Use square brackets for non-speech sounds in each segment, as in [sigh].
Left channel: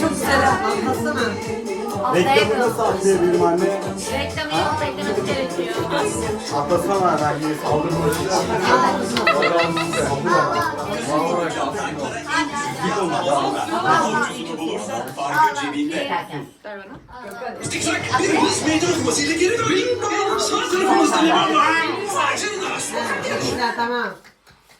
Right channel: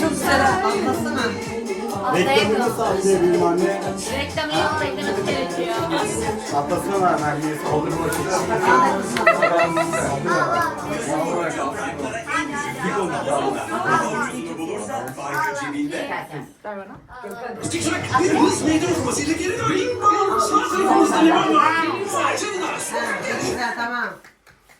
Çok güzel anlatsana. Reklamını satacağım benim anne. Reklamı yok, benim gerekiyor. Atlasana anne, kaldır bu işi. Al. Al. Al. Al. Al. Git onu da cebinde. Ver bana. Tamam.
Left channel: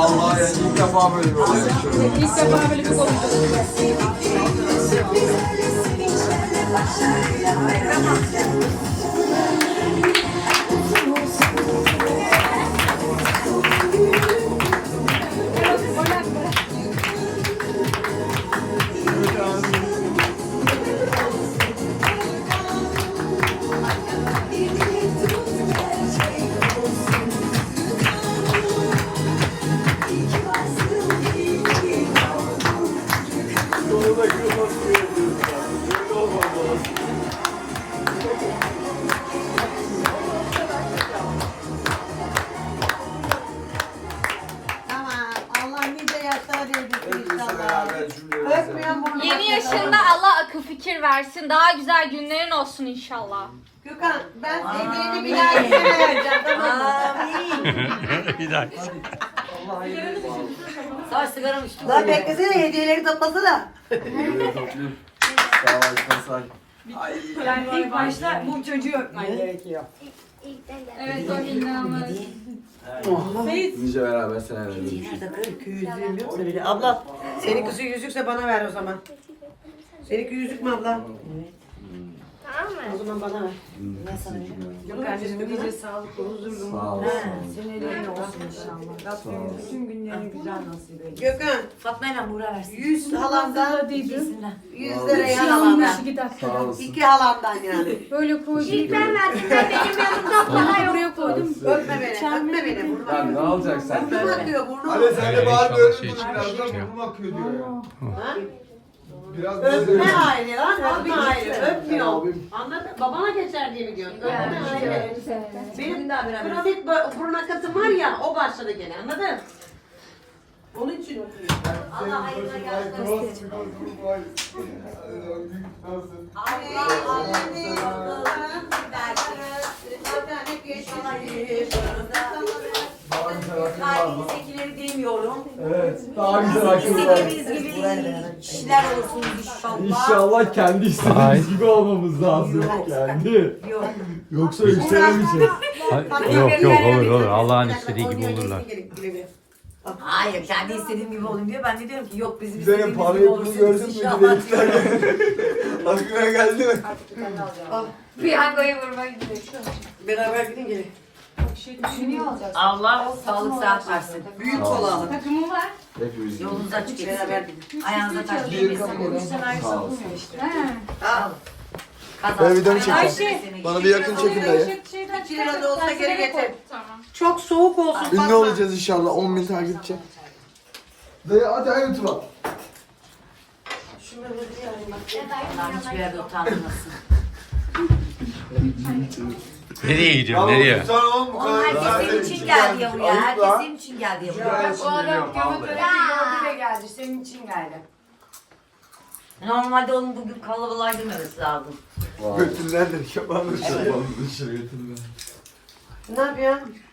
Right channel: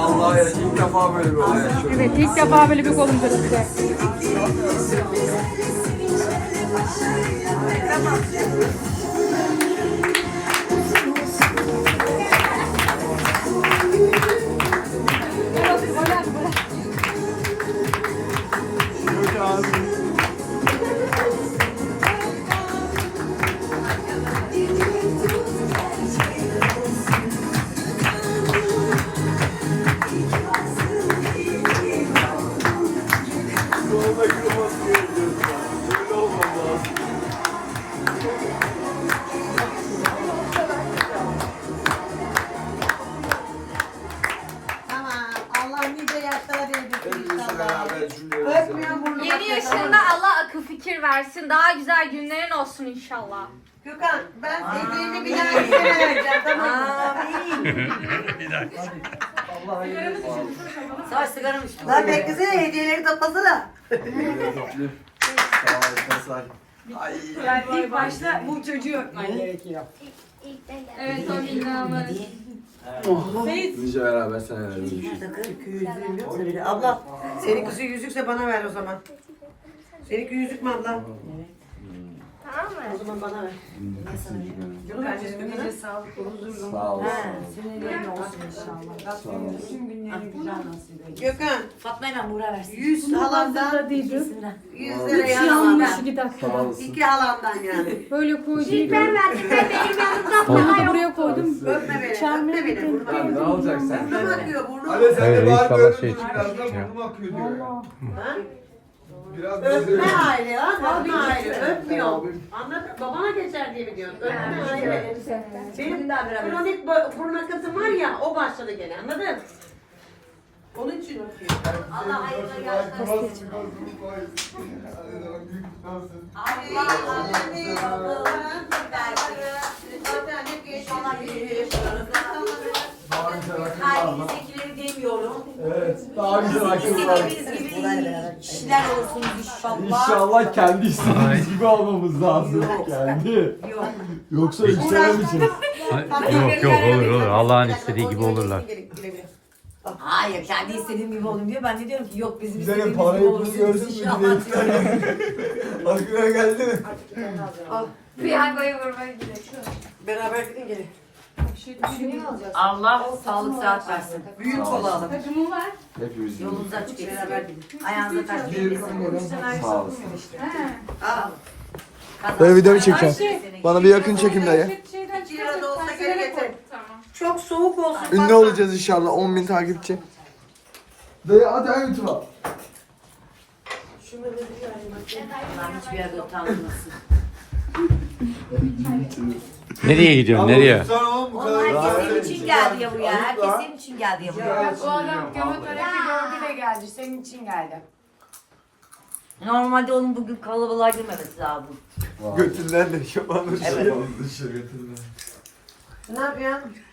Vallahi oh, ilk defa böyle bir olay. Evet, ilk defa Thank you. It's Evet, ben, ben Yeni yaşında Allah akıl fikir versin. Daha güzel günlerin olsun inşallah. Gökhan ben dediğini [laughs] <Cattım. Amin. gülüyor> bir daha söyleyeceğim. Tamam mı? Bir daha. Sağ içtim. Lan beklesene hediyeleri tatmasana. Hediyeleri Sağ ol, sağ ol. Hayır. Ben ilk başta bu çocuğu öpmen gerekiyor. evet, o evet. inanılmaz. Evet. Oh. Nice sen Abla, seninki kızı yüzükse bana ver o zaman. Seninki yüzük mü abla? Tamam. O zaman bana ver. Hmm. Niye sana? Yok kardeşim nice sağlık ve huzur dolu. Sağ ol. Ha, senin ellerin olsun, olsun inşallah. Rabbim bütün günlerini güzel nasip eylesin. Gökhan. Fatma ile Buğra versin. Yüz halandan. İki isimden. Yüz lira yan halandan. Sağ olasın. İki halandan yani. Böyle koydum. İlk ben verdim. Ben benim yanımda daha yoruya koydum. Öpme beni. Ne alacaksın? Burnum akıyor. Burnum akıyor. Biraz Öpme aile lan. Öpme ayrı. Öpmüyor. Anlat. Babana geçer diye mi diyorsun? Öpme ayrı. Yani, Benim kronik burun akası var ya o başladı gene anladın? Onun için Allah hayırlı Allah Yorum. Evet. Daha, biz daha güzel akıllar. Kişiler olsun inşallah. İnşallah kendi istediğimiz gibi almamız lazım. Yok. Kendi. Yani. Şey [laughs] yok. Yoksa istemeyeceğiz. yok Hayır, yok olur olur. olur, olur. Allah'ın istediği, Allah istediği gibi olurlar. Hayır kendi istediğim gibi olayım diyor. Ben de diyorum ki yok biz biz istediğimiz gibi olacağız inşallah. Bizlerin parayı bulsun görsün mü diye istedim. geldi mi? Bir hangayı vurmaya gidiyor. Beraber gidin gelin. Şey, Allah ya, sağlık sıhhat versin. Büyük Allah. olalım. Hepimiz var. Hepimiz Yolunuz açık gelsin. Beraber gidin. Ayağınıza şey, taş gelsin. Sağ olsun. Ben video Bana bir yakın çekin beni. Çok soğuk olsun. Ünlü olacağız inşallah. 10 bin takipçi. Dayı hadi en YouTube'a. Şurada bir yerde utanmasın. Nereye gidiyorsun? Ne Nereye? Onlar kesin için, için geldi yani, ya Herkes da, senin için geldi alıkla. ya buraya. Bu adam kemoterapi gördü geldi. Senin için geldi. Normalde onun bugün kalabalığa girmemesi lazım. Götünden de kemanı evet. şey yapalım. Götünden. Ne yapıyorsun?